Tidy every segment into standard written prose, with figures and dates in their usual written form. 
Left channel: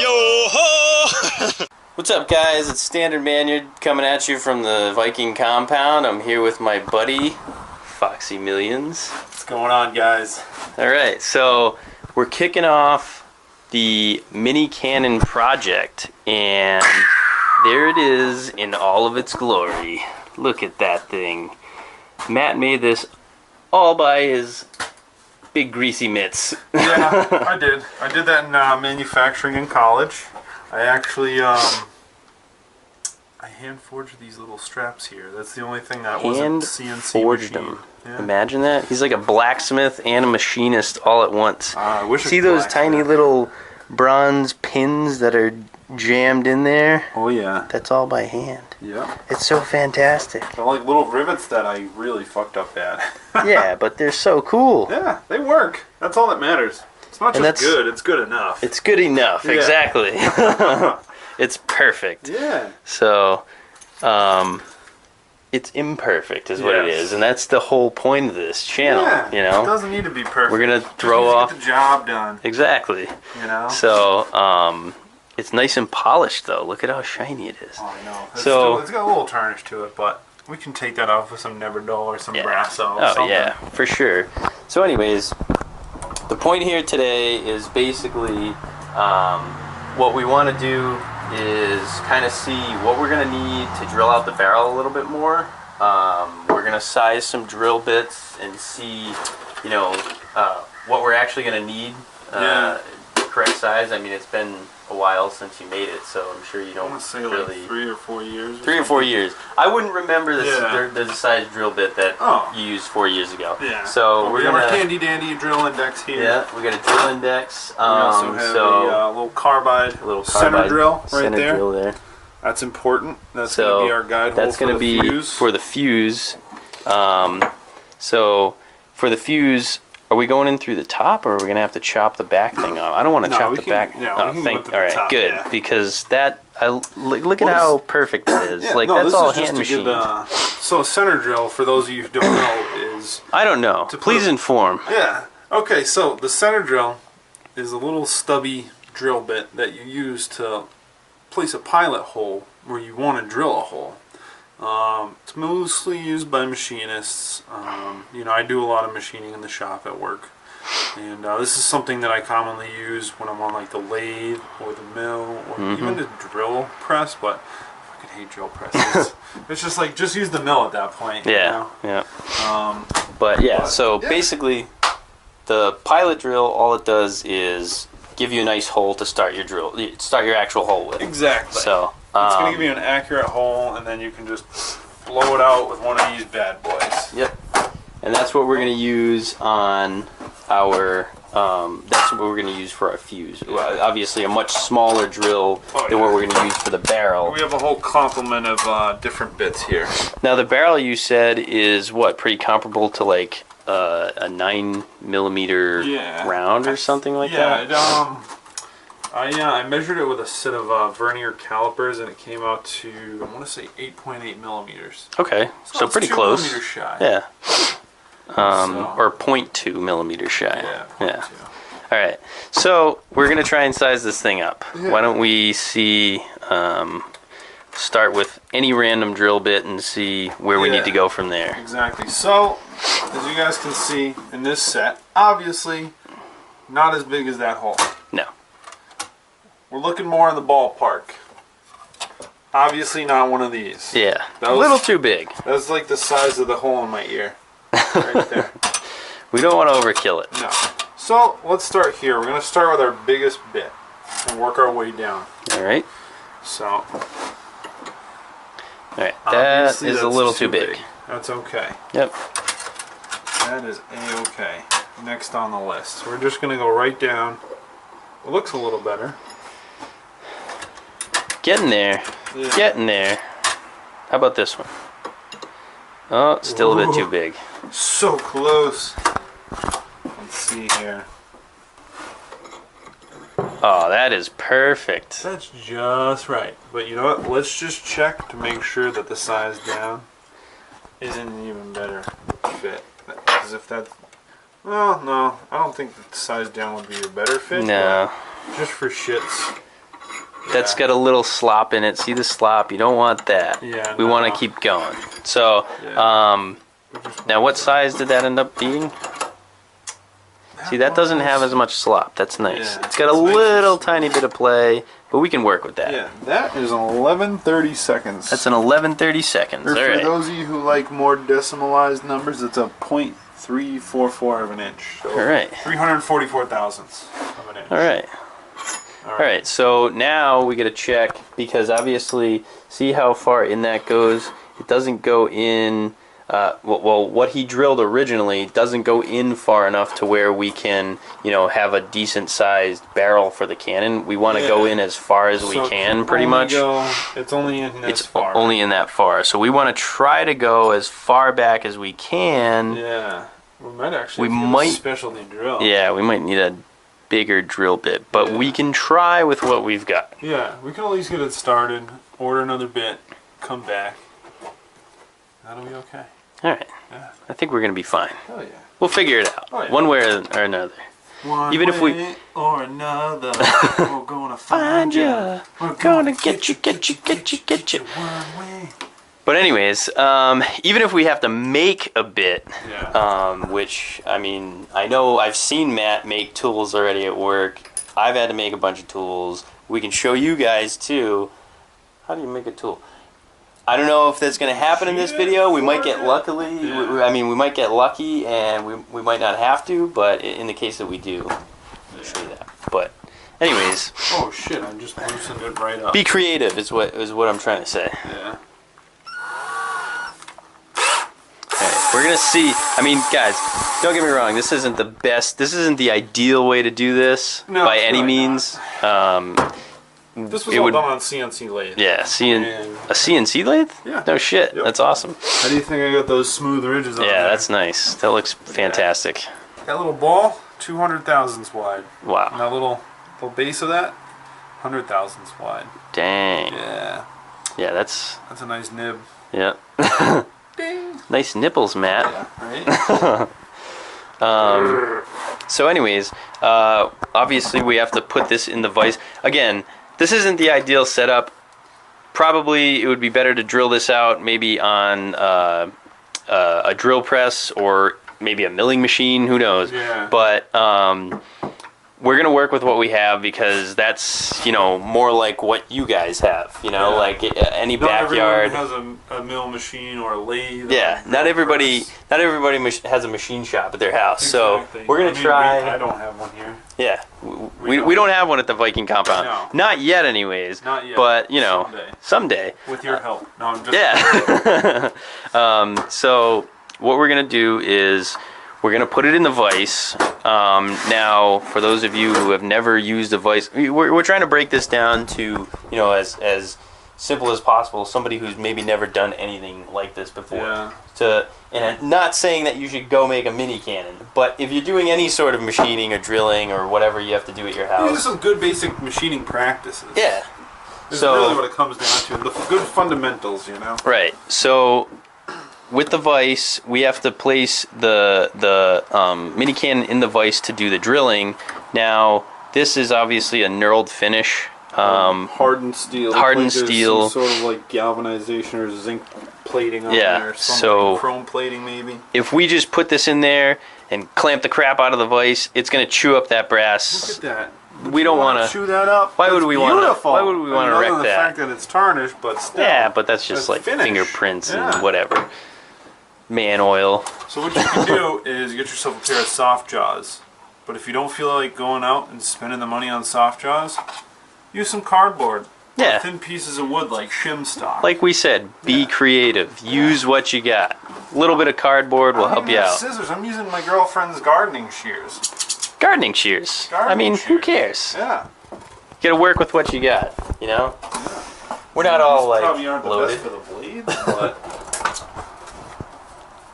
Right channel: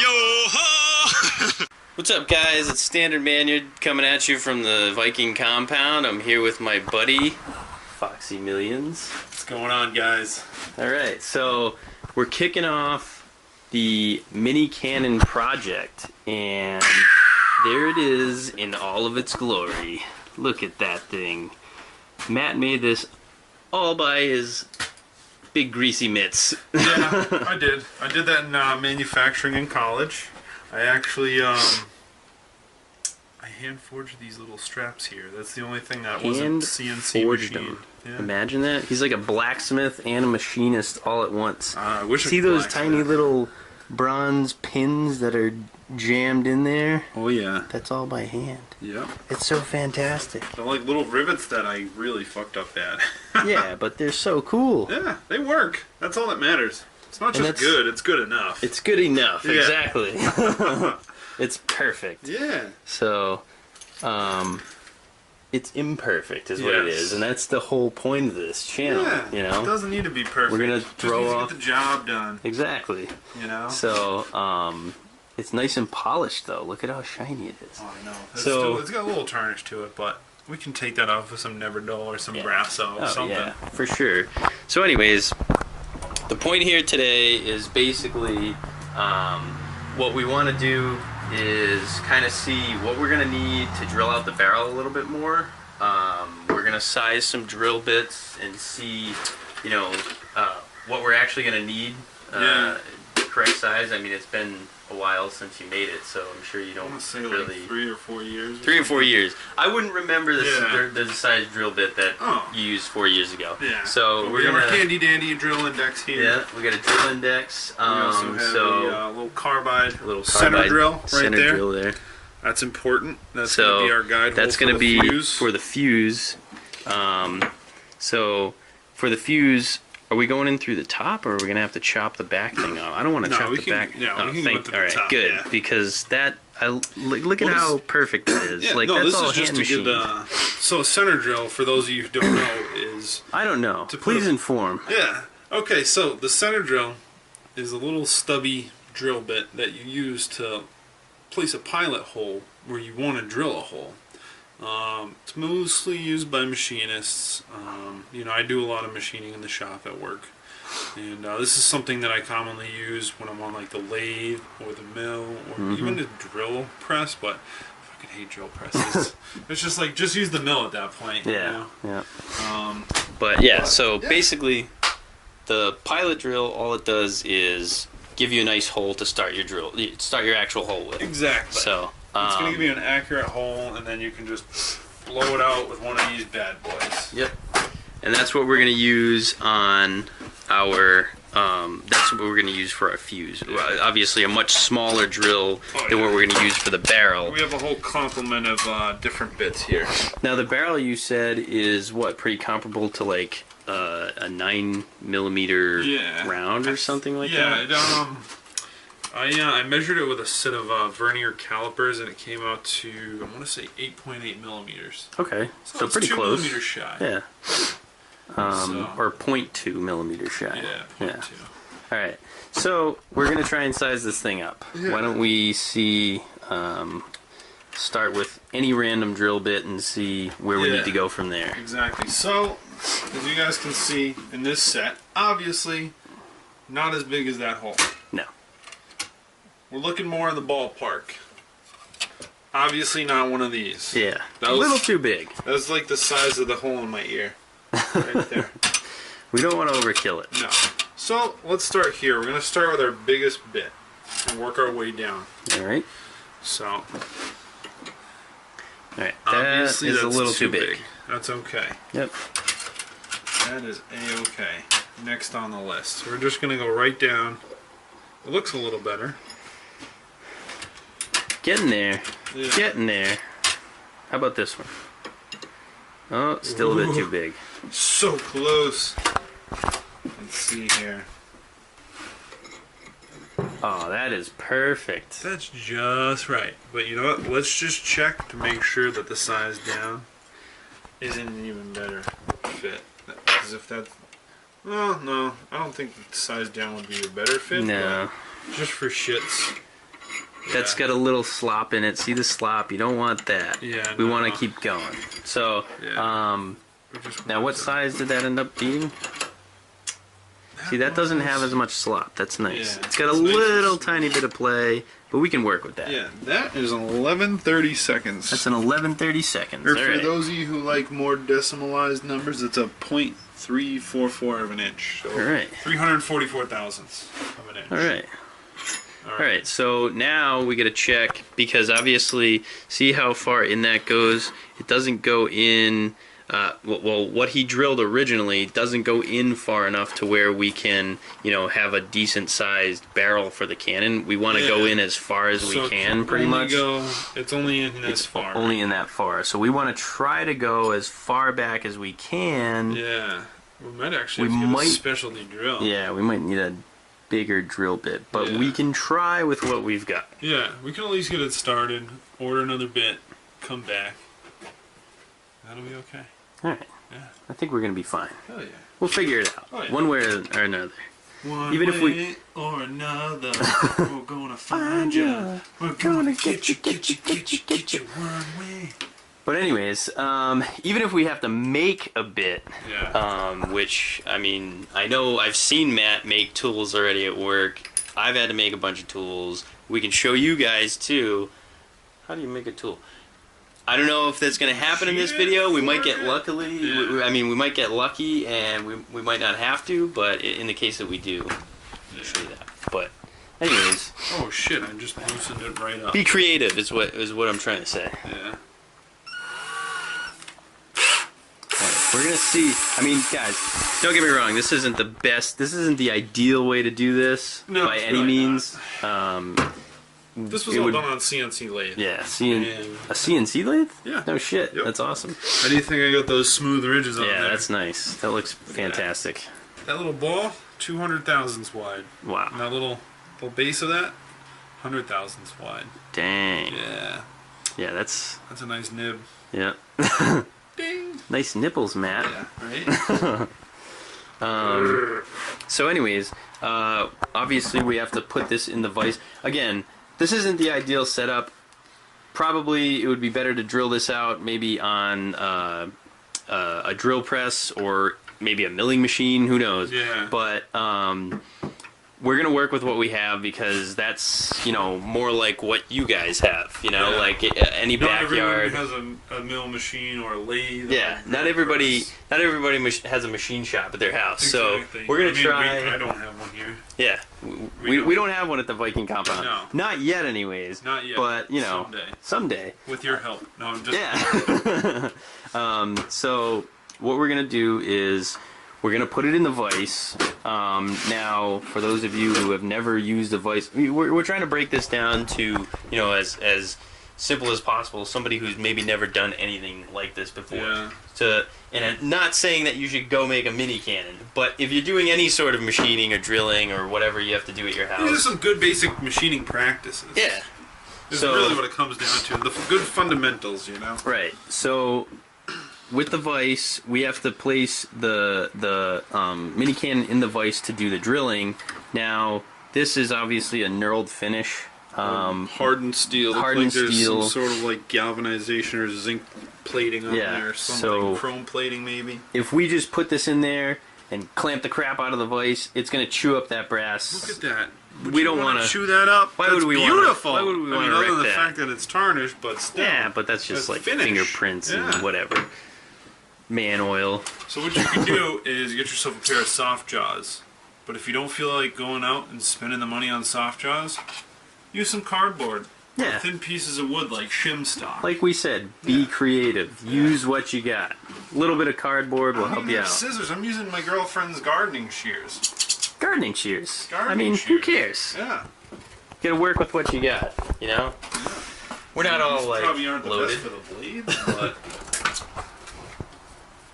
Yo-ho! What's up, guys? It's Standard Manyard coming at you from the Viking compound. I'm here with my buddy, Foxy Millions. What's going on, guys? Alright, so we're kicking off the mini cannon project, and there it is in all of its glory. Look at that thing. Matt made this all by his big greasy mitts. Yeah, I did. I did that in manufacturing in college. I actually, I hand forged these little straps here. That's the only thing that wasn't CNC forged machined. them. Yeah. Imagine that. He's like a blacksmith and a machinist all at once. I wish See those tiny little bronze pins that are jammed in there? Oh yeah. That's all by hand. Yeah. It's so fantastic. They're like little rivets that I really fucked up at. Yeah, but they're so cool. Yeah, they work. That's all that matters. It's not just good, it's good enough. It's good enough, yeah. Exactly. It's perfect. Yeah. So, it's imperfect is what it is, and that's the whole point of this channel, yeah, you know? It doesn't need to be perfect. We're going to throw off... get the job done. Exactly. You know? So, it's nice and polished, though. Look at how shiny it is. Oh, I know. It's got a little tarnish to it, but we can take that off with some Neverdull or some Brasso or something. Yeah, for sure. So anyways, the point here today is basically what we want to do is kind of see what we're going to need to drill out the barrel a little bit more. We're going to size some drill bits and see, you know, what we're actually going to need. Correct size. I mean, it's been a while since you made it, so I'm sure you don't really... like 3 or 4 years. 3 or 4 years. I wouldn't remember the size drill bit that you used 4 years ago. Yeah. So we're gonna handy dandy drill index here. Yeah, we got a drill index. We also have a little carbide, center drill right there. Drill there. That's important. That's gonna be our guide hole. That's gonna be for the fuse. So for the fuse, are we going in through the top, or are we going to have to chop the back thing off? I don't want to chop the back. Yeah, we can go all right, top, good, yeah. because that look at how perfect that is. Yeah, like no, that's all hand machined. So a center drill, for those of you who don't know, is I don't know. Please inform. Yeah. Okay, so the center drill is a little stubby drill bit that you use to place a pilot hole where you want to drill a hole. It's mostly used by machinists. You know, I do a lot of machining in the shop at work, and this is something that I commonly use when I'm on like the lathe or the mill or even the drill press. But I fucking hate drill presses. It's just like just use the mill at that point. Yeah, you know? yeah. But basically, the pilot drill, all it does is give you a nice hole to start your actual hole with. Exactly. So. It's going to give you an accurate hole, and then you can just blow it out with one of these bad boys. Yep. And that's what we're going to use on our, that's what we're going to use for our fuse. Well, obviously a much smaller drill than what we're going to use for the barrel. We have a whole complement of different bits here. Now the barrel, you said, is what, pretty comparable to like a 9mm round or something like that? Yeah, I measured it with a set of vernier calipers, and it came out to, I want to say 8.8 millimeters. Okay, so pretty 2 close. millimeters shy. Yeah. Or 0.2 millimeters shy. Yeah, 0.2. All right, so we're gonna try and size this thing up. Yeah. Why don't we see? Start with any random drill bit and see where we need to go from there. Exactly. So, as you guys can see in this set, obviously not as big as that hole. No. We're looking more in the ballpark. Obviously not one of these. Yeah, a little too big. That's like the size of the hole in my ear. Right there. We don't want to overkill it. No. So, let's start here. We're going to start with our biggest bit and work our way down. Alright. So. Alright, that is a little too big. That's okay. Yep. That is A-okay. Next on the list. We're just going to go right down. It looks a little better. Getting there. Yeah. Getting there. How about this one? Oh, still a bit too big. So close. Let's see here. Oh, that is perfect. That's just right. But you know what? Let's just check to make sure that the size down isn't an even better fit. Because if that... Well, no. I don't think the size down would be a better fit. No. Just for shits. that's got a little slop in it. See the slop? You don't want that. Yeah. We want to keep going. So, now what size did that end up being? See, that doesn't have as much slop. That's nice. Yeah, it's got a little tiny bit of play, but we can work with that. Yeah, that is an 11:30 seconds. That's an 11:30 seconds. Or for right. those of you who like more decimalized numbers, it's a .344 of an inch. So All right. 344 thousandths of an inch. All right. All right. So now we get to check, because obviously, see how far in that goes? It doesn't go in. Well, what he drilled originally doesn't go in far enough to where we can, have a decent sized barrel for the cannon. We want to go in as far as we can, pretty much. It's only in this far. Only in that far. So we want to try to go as far back as we can. Yeah. We might actually get a specialty drill. Yeah, we might need a bigger drill bit, but we can try with what we've got. Yeah, we can at least get it started, order another bit, come back. That'll be okay. All right. Yeah. I think we're going to be fine. Oh, yeah. We'll figure it out. Oh, yeah. One way or another. Even if we or another, we're gonna find you. We're gonna get you one way. But anyways, even if we have to make a bit, which, I mean, I know I've seen Matt make tools already at work. I've had to make a bunch of tools. We can show you guys too. How do you make a tool? I don't know if that's going to happen in this video. We might get we might get lucky, and we might not have to, but in the case that we do, we'll show you that. But anyways. Oh shit, I just loosened it right up. Be creative is what I'm trying to say. Yeah. Right, we're going to see. I mean, guys, don't get me wrong. This isn't the best. This isn't the ideal way to do this by any means. This was all done on CNC lathe. Yeah, a CNC lathe? Yeah. No shit. Yep. That's awesome. How do you think I got those smooth ridges on there? Yeah, that's nice. That looks fantastic. That little ball, 200 thousandths wide. Wow. And that little base of that, 100 thousandths wide. Dang. Yeah. Yeah, that's a nice nib. Yeah. Ding. Nice nipples, Matt. Yeah, right? So anyways, obviously we have to put this in the vise. Again, this isn't the ideal setup. Probably it would be better to drill this out maybe on a drill press or maybe a milling machine. Who knows? Yeah. But we're going to work with what we have, because that's, more like what you guys have, like any backyard. Not everyone has a mill machine or a lathe. Yeah, not everybody has a machine shop at their house. Exactly. So we're going to try. I don't have one here. Yeah, we don't have one at the Viking compound. No. Not yet anyways. Not yet. But, someday. With your help. No, I'm just So what we're going to do is we're going to put it in the vise. Now, for those of you who have never used a vise, we're trying to break this down to, as simple as possible. Somebody who's maybe never done anything like this before. Yeah. And not saying that you should go make a mini cannon, but if you're doing any sort of machining or drilling or whatever you have to do at your house. These are some good basic machining practices. Yeah. This is really what it comes down to. The good fundamentals, Right. So with the vise, we have to place the mini cannon in the vise to do the drilling. Now, this is obviously a knurled finish. Hardened steel. Hardened steel. Some sort of like galvanization or zinc plating on there. Something. So chrome plating maybe. If we just put this in there and clamp the crap out of the vise, it's going to chew up that brass. Look at that. We don't want to chew that up. Why would we want to? Beautiful. Why would we want to wreck other than that? the fact that it's tarnished, but still. Yeah, but that's just like finish. fingerprints and whatever. Man oil. So what you can do is get yourself a pair of soft jaws. But if you don't feel like going out and spending the money on soft jaws, use some cardboard. Yeah. Or thin pieces of wood like shim stock. Like we said, be creative. Use what you got. A little bit of cardboard will help you out. Scissors. I'm using my girlfriend's gardening shears. Gardening shears. Gardening shears. Who cares? Yeah. You gotta work with what you got, We're not all like probably aren't the loaded. best for the blades, but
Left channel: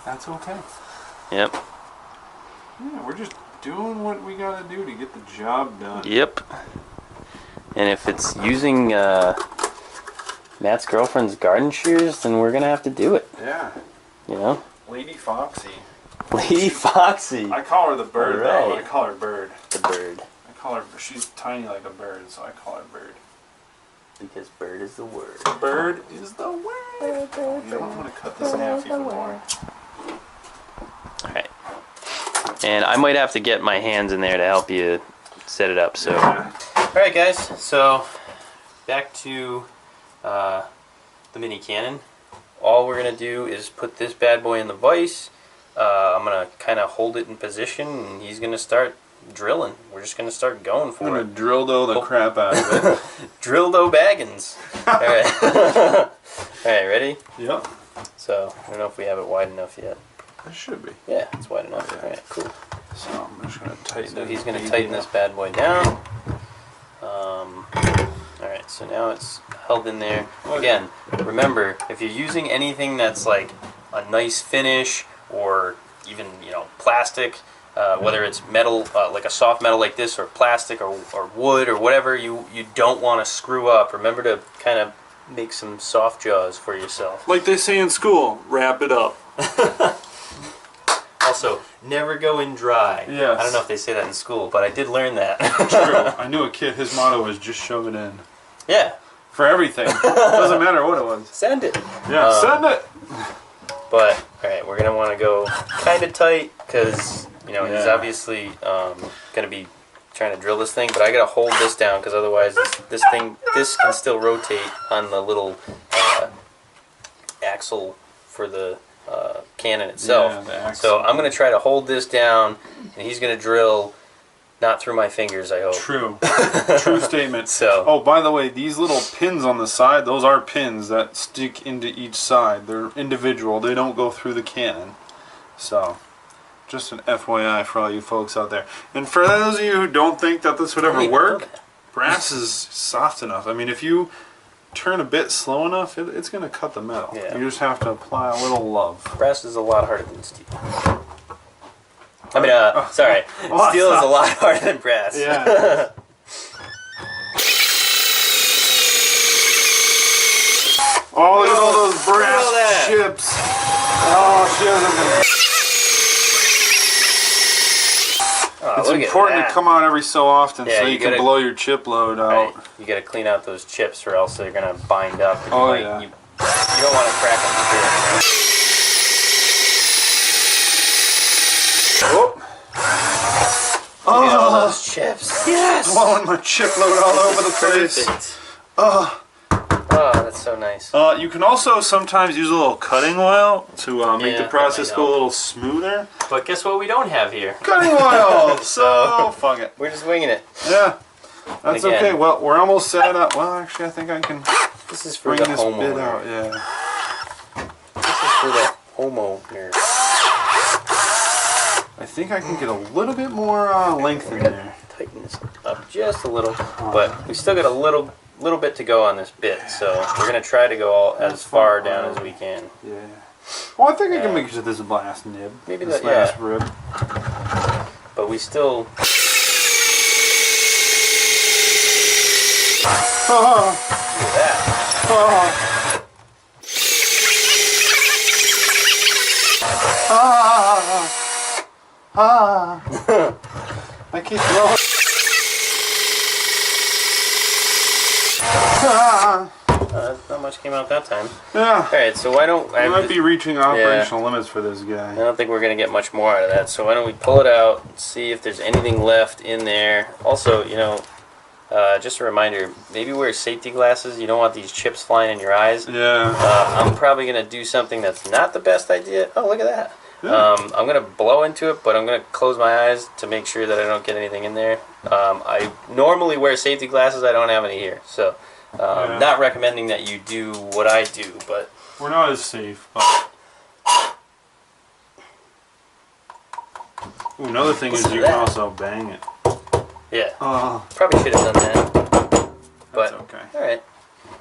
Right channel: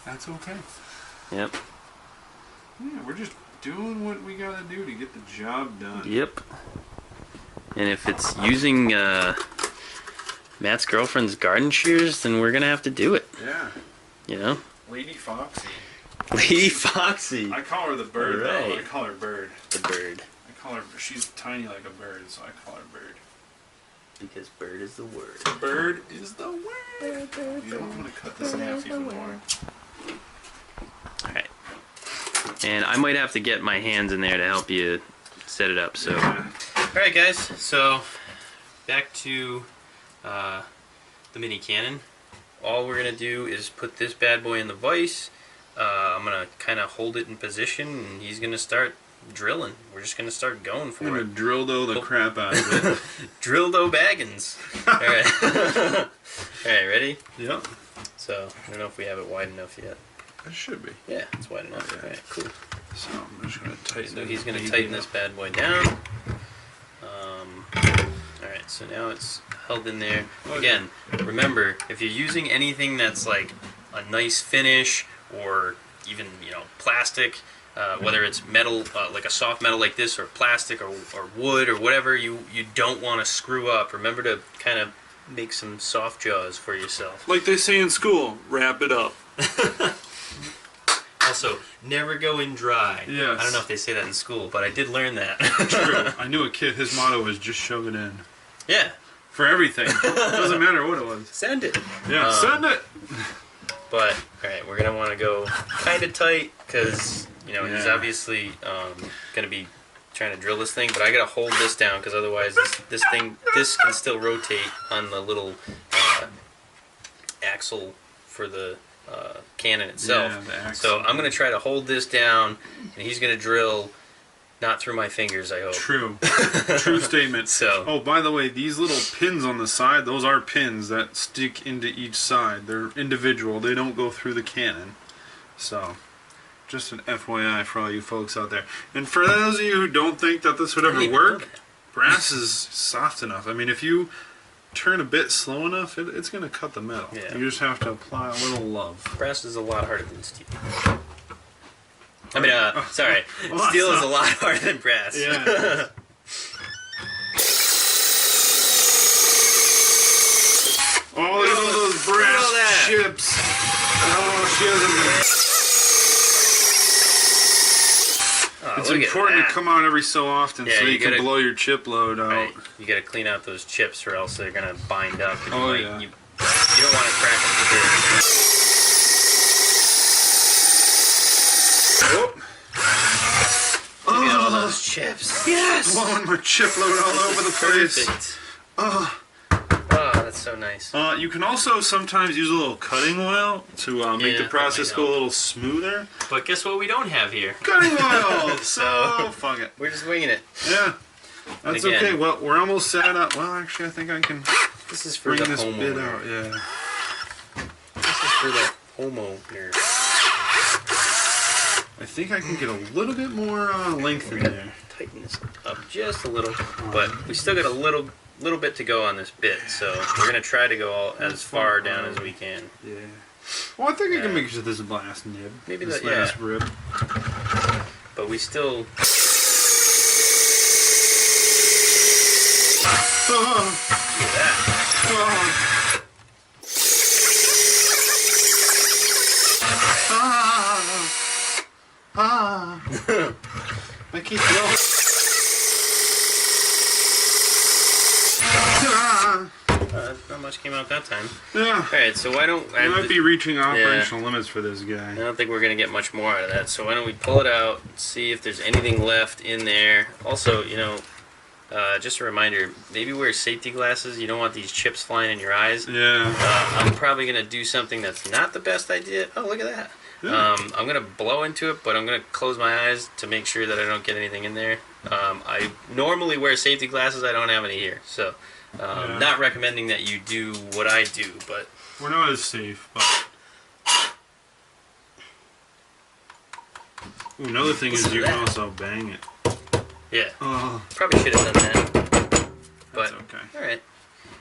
that's okay. Yep. Yeah, we're just doing what we gotta do to get the job done. Yep. And if it's using Matt's girlfriend's garden shears, then we're gonna have to do it. Yeah. Lady Foxy. Lady Foxy. I call her the bird, though. I call her Bird. The bird. I call her. She's tiny like a bird, so I call her Bird. Because bird is the word. Bird is the word. I'm going to cut this in half even more. Alright. And I might have to get my hands in there to help you set it up. So, alright guys, so back to the mini cannon. All we're going to do is put this bad boy in the vise. I'm going to kind of hold it in position, and he's going to start drilling. We're just going to start going for it. I'm going to drill the crap out of it. Drill-do Baggins. Alright. Alright, ready? Yep. So, I don't know if we have it wide enough yet. It should be. Yeah, it's wide enough. Oh, yeah. Alright, cool. So I'm just going to tighten it. So he's going to tighten this bad boy down. Alright, so now it's held in there. Again, remember, if you're using anything that's like a nice finish or even, you know, plastic, whether it's metal, like a soft metal like this, or plastic, or wood, or whatever, you don't want to screw up. Remember to kind of make some soft jaws for yourself. Like they say in school, wrap it up. Also, never go in dry. Yes. I don't know if they say that in school, but I did learn that. True. I knew a kid, his motto was just shove it in. Yeah. For everything. Doesn't matter what it was. Send it. Yeah, send it! But, alright, we're going to want to go kind of tight, because, you know, he's Yeah. obviously going to be trying to drill this thing, but I got to hold this down, because otherwise this can still rotate on the little axle for the cannon itself. Yeah, the axle. So I'm going to try to hold this down, and he's going to drill, not through my fingers, I hope. True. True statement. So. Oh, by the way, these little pins on the side, those are pins that stick into each side. They're individual. They don't go through the cannon. So, just an FYI for all you folks out there. And for those of you who don't think that this would ever work, brass is soft enough. I mean, if you turn a bit slow enough, it's going to cut the metal. Yeah. You just have to apply a little love. Brass is a lot harder than steel. I mean, sorry. Well, Steel is a lot harder than brass. Yeah. Oh, look at all those brass chips. Oh, she hasn't been... It's important to come out every so often, so you can blow your chip load out. Right. You got to clean out those chips, or else they're gonna bind up. And Oh, you yeah. You don't want to crack them. Oh. Look at all those chips. Yes. Blowing my chip load all over the place. Perfect. Oh. Oh, that's so nice. You can also sometimes use a little cutting oil to make the that process might go a help. little smoother. But guess what we don't have here? Cutting oil! So, fuck it. We're just winging it. Yeah. That's again, okay. Well, we're almost set up. Well, actually, I think I can This is for bring the this bit homeowner. out. Yeah. This is for the homeowner. I think I can get a little bit more length in there. Tighten this up just a little, but we still got a little bit to go on this bit, so we're gonna try to go as far down as we can. Yeah. Well, I think I can make it to this last nib. Maybe this that, last yeah. rib. But we still. Look at that. I keep blowing. Not much came out that time. Yeah. Alright, so why don't I might be reaching operational limits for this I guy. don't think we're gonna get much more out of that. So why don't we pull it out, see if there's anything left in there. Also, you know, just a reminder, maybe wear safety glasses. You don't want these chips flying in your eyes. Yeah. I'm probably gonna do something that's not the best idea. Oh, look at that. Yeah. I'm gonna blow into it, but I'm gonna close my eyes to make sure that I don't get anything in there. I normally wear safety glasses. I don't have any here, so not recommending that you do what I do, but We're not as safe. But... Ooh, another thing is you can also bang it. yeah, Oh, probably should have done that. But that's okay. all right,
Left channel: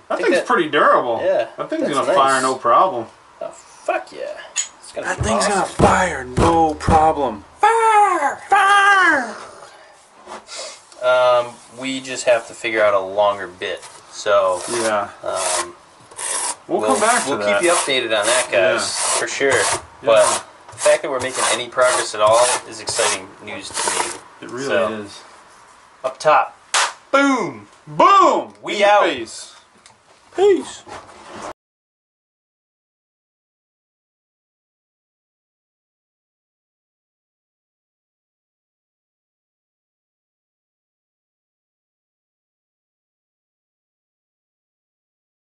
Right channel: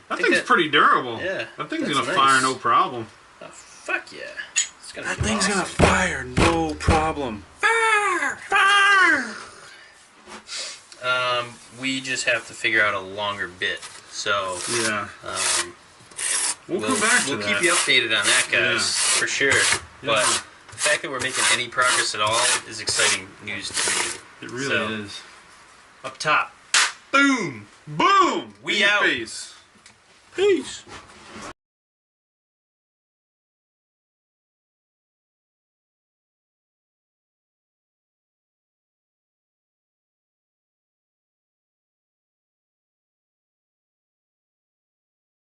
That thing's pretty durable. Yeah, That thing's that's gonna nice. fire no problem. oh fuck yeah, it's gonna That be thing's awesome. gonna fire no problem. Fire! Fire! We just have to figure out a longer bit. So Yeah. we'll come back to we'll that. keep you updated on that, guys, for sure. But the fact that we're making any progress at all is exciting news to me. It really So, is. Up top, boom! Boom! We In your out. face. Peace.